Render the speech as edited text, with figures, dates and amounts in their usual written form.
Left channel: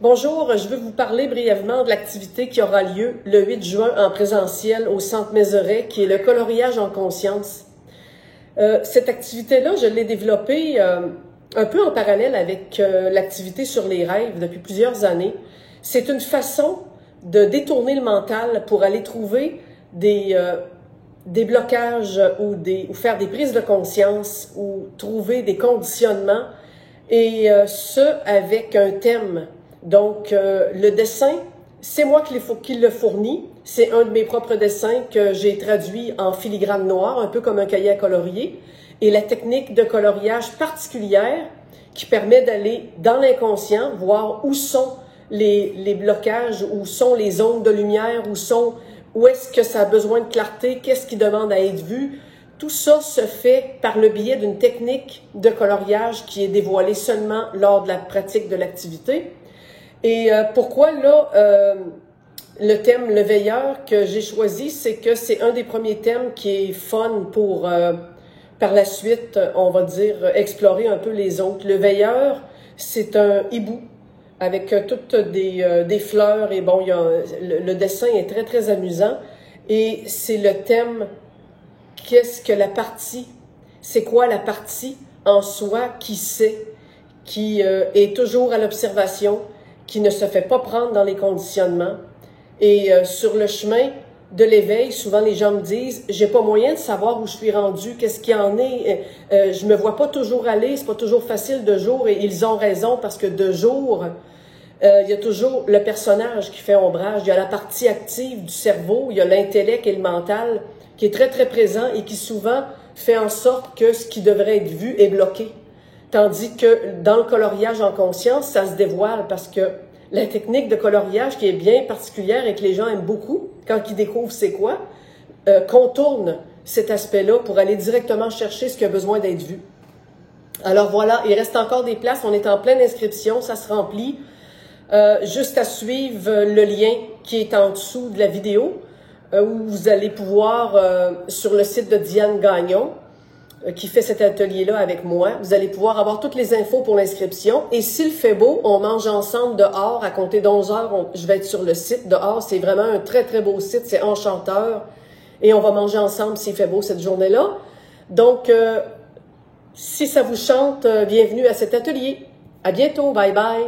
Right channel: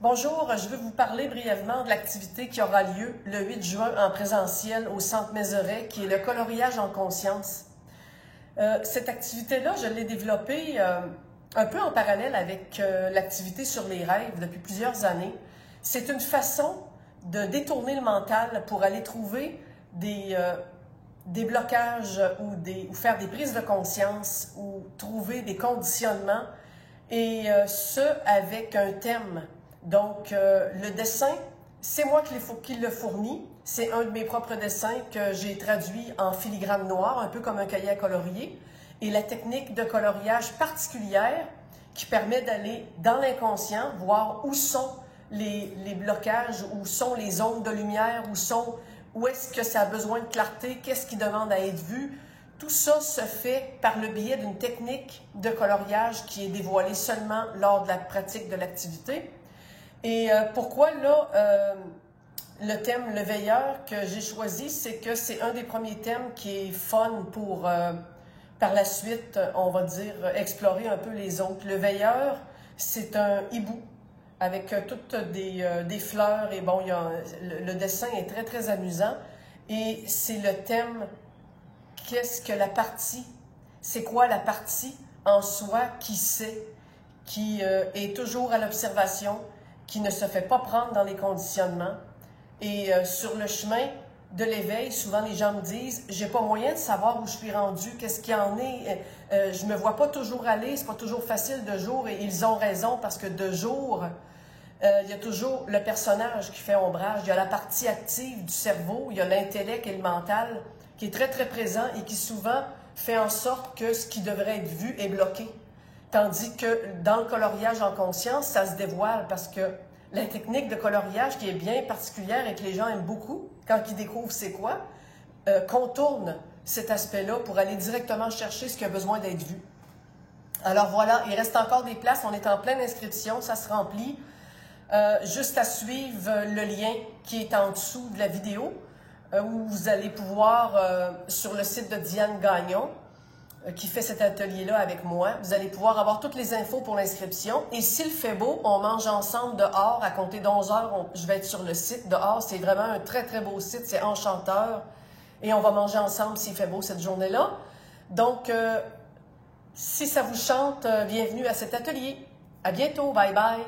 Bonjour, je veux vous parler brièvement de l'activité qui aura lieu le 8 juin en présentiel au Centre Mézeray, qui est le coloriage en conscience. Cette activité-là, je l'ai développée un peu en parallèle avec l'activité sur les rêves depuis plusieurs années. C'est une façon de détourner le mental pour aller trouver des blocages ou faire des prises de conscience ou trouver des conditionnements, et ce, avec un thème. Donc, le dessin, c'est moi qui le fournis. C'est un de mes propres dessins que j'ai traduit en filigrane noire, un peu comme un cahier à colorier. Et la technique de coloriage particulière qui permet d'aller dans l'inconscient, voir où sont les blocages, où sont les ondes de lumière, où est-ce que ça a besoin de clarté, qu'est-ce qui demande à être vu. Tout ça se fait par le biais d'une technique de coloriage qui est dévoilée seulement lors de la pratique de l'activité. Et pourquoi là, le thème Le Veilleur que j'ai choisi, c'est que c'est un des premiers thèmes qui est fun pour, par la suite, on va dire, explorer un peu les autres. Le Veilleur, c'est un hibou avec toutes des fleurs et bon, le dessin est très, très amusant. Et c'est le thème, qu'est-ce que la partie, c'est quoi la partie en soi qui sait, qui est toujours à l'observation, qui ne se fait pas prendre dans les conditionnements. Et sur le chemin de l'éveil, souvent les gens me disent « j'ai pas moyen de savoir où je suis rendu, qu'est-ce qu'il y en est, je me vois pas toujours aller, c'est pas toujours facile de jour ». Et ils ont raison parce que de jour, il y a toujours le personnage qui fait ombrage, il y a la partie active du cerveau, il y a l'intellect et le mental qui est très très présent et qui souvent fait en sorte que ce qui devrait être vu est bloqué. Tandis que dans le coloriage en conscience, ça se dévoile parce que la technique de coloriage qui est bien particulière et que les gens aiment beaucoup, quand ils découvrent c'est quoi, contourne cet aspect-là pour aller directement chercher ce qui a besoin d'être vu. Alors voilà, il reste encore des places, on est en pleine inscription, ça se remplit. Juste à suivre le lien qui est en dessous de la vidéo, où vous allez pouvoir, sur le site de Diane Gagnon, qui fait cet atelier-là avec moi. Vous allez pouvoir avoir toutes les infos pour l'inscription. Et s'il fait beau, on mange ensemble dehors. À compter d'11 heures, je vais être sur le site dehors. C'est vraiment un très, très beau site. C'est enchanteur. Et on va manger ensemble s'il fait beau cette journée-là. Donc, si ça vous chante, bienvenue à cet atelier. À bientôt. Bye bye.